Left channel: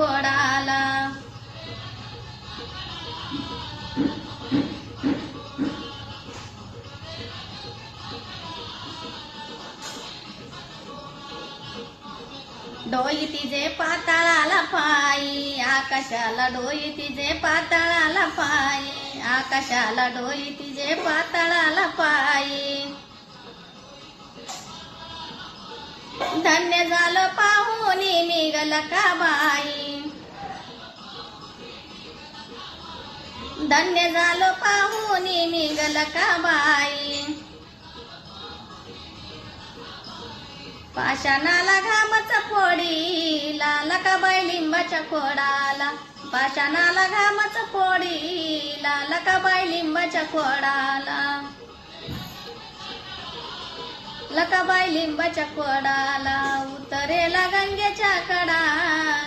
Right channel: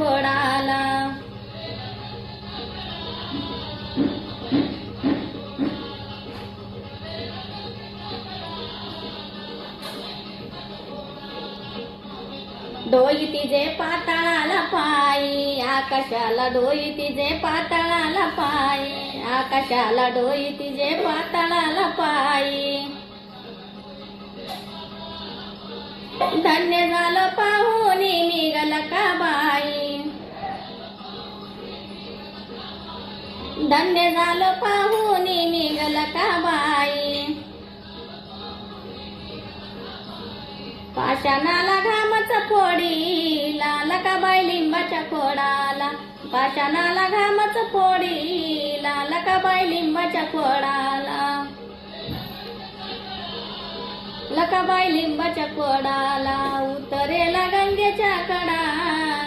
खोडाला. डोई तिचे पाताळाला पायी, आकाशाला डोई तिचे पाताळाला पायी, आकाशाला डोई तिचे पाताळाला पायी. धन्य झालं पाहून निघाल का बाई, धन्य झालं पाहून निघाल का बाई. पाषाणाला घामच फोडीला, लकाबाई लिंबाच्या खोडाला. पाषाणाला घामच फोडीला, लकाबाई लिंबाच्या खोडाला. लकाबाई लिंबाच्या खोडाला, उतरेला गंगेच्या कडा.